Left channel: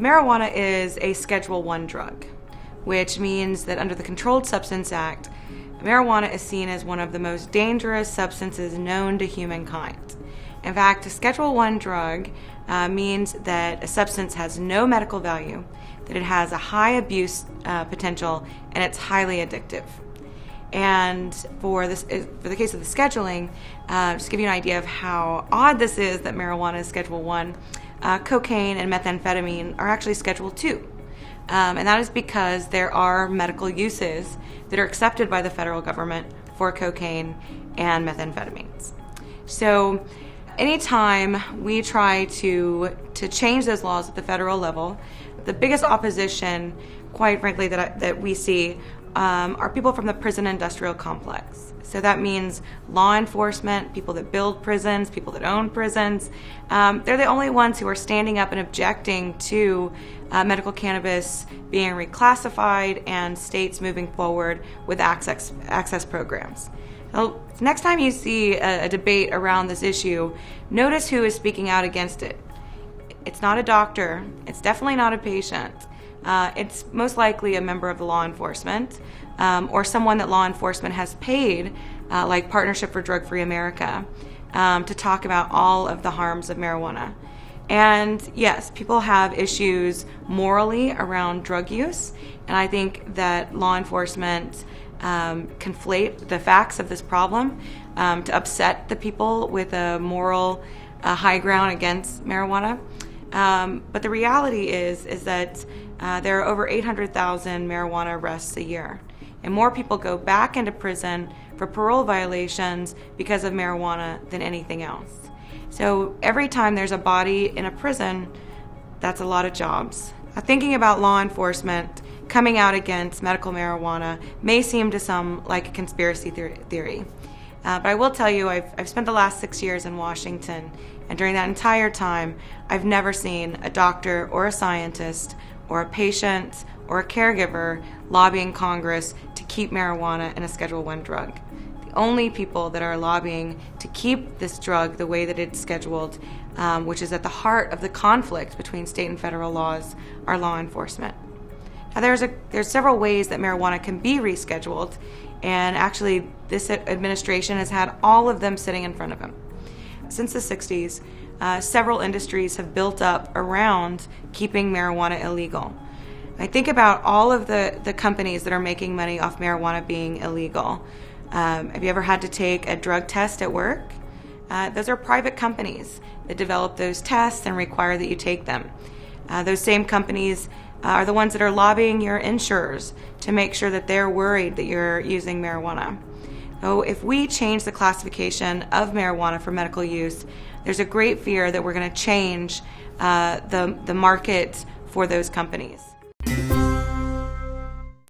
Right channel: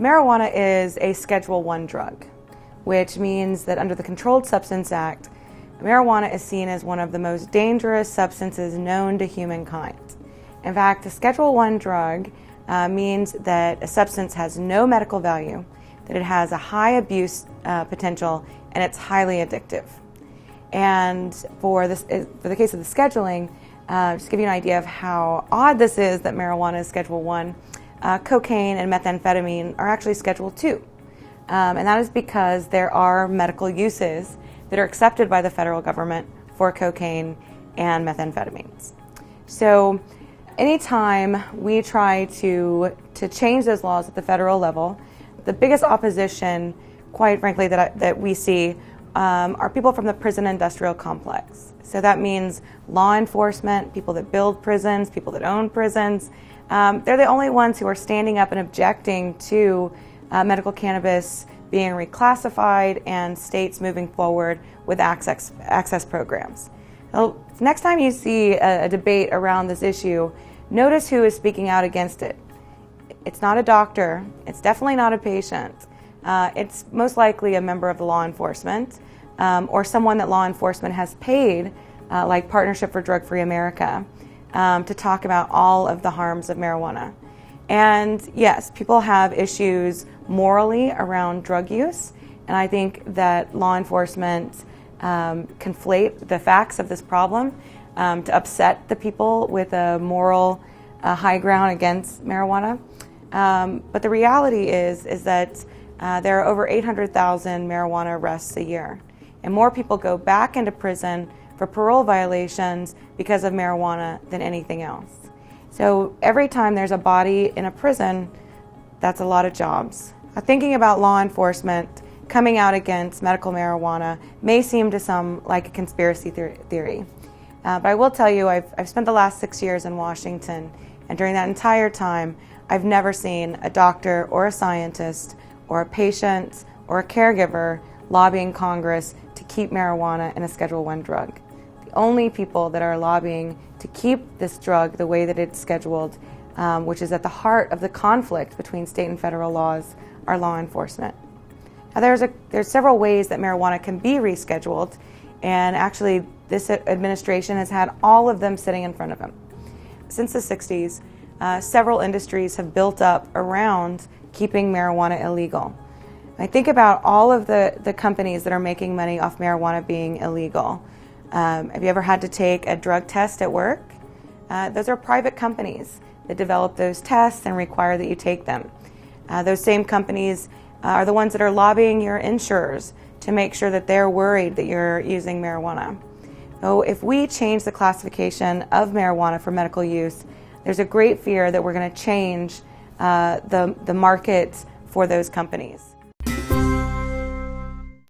Marijuana is a Schedule I drug, which means that under the Controlled Substance Act, marijuana is seen as one of the most dangerous substances known to humankind. In fact, a Schedule I drug means that a substance has no medical value, that it has a high abuse potential, and it's highly addictive. And for the case of the scheduling, just to give you an idea of how odd this is that marijuana is Schedule I, cocaine and methamphetamine are actually Schedule II. And that is because there are medical uses that are accepted by the federal government for cocaine and methamphetamines. So anytime we try to change those laws at the federal level, the biggest opposition, quite frankly, that we see are people from the prison industrial complex. So that means law enforcement, people that build prisons, people that own prisons. They're the only ones who are standing up and objecting to medical cannabis being reclassified and states moving forward with access programs. So next time you see a debate around this issue, notice who is speaking out against it. It's not a doctor. It's definitely not a patient. It's most likely a member of the law enforcement or someone that law enforcement has paid, like Partnership for Drug-Free America, to talk about all of the harms of marijuana. And yes, people have issues morally around drug use, and I think that law enforcement conflate the facts of this problem to upset the people with a moral high ground against marijuana. But the reality is that there are over 800,000 marijuana arrests a year, and more people go back into prison for parole violations because of marijuana than anything else. So every time there's a body in a prison, that's a lot of jobs. Thinking about law enforcement coming out against medical marijuana may seem to some like a conspiracy theory. But I will tell you, I've spent the last 6 years in Washington, and during that entire time, I've never seen a doctor or a scientist or a patient or a caregiver lobbying Congress to keep marijuana in a Schedule I drug. The only people that are lobbying to keep this drug the way that it's scheduled, which is at the heart of the conflict between state and federal laws, are law enforcement. Now, there's several ways that marijuana can be rescheduled, and actually this administration has had all of them sitting in front of them. Since the 60s, several industries have built up around keeping marijuana illegal. I think about all of the companies that are making money off marijuana being illegal. Have you ever had to take a drug test at work? Those are private companies that develop those tests and require that you take them. Those same companies are the ones that are lobbying your insurers to make sure that they're worried that you're using marijuana. So if we change the classification of marijuana for medical use, there's a great fear that we're going to change the market for those companies.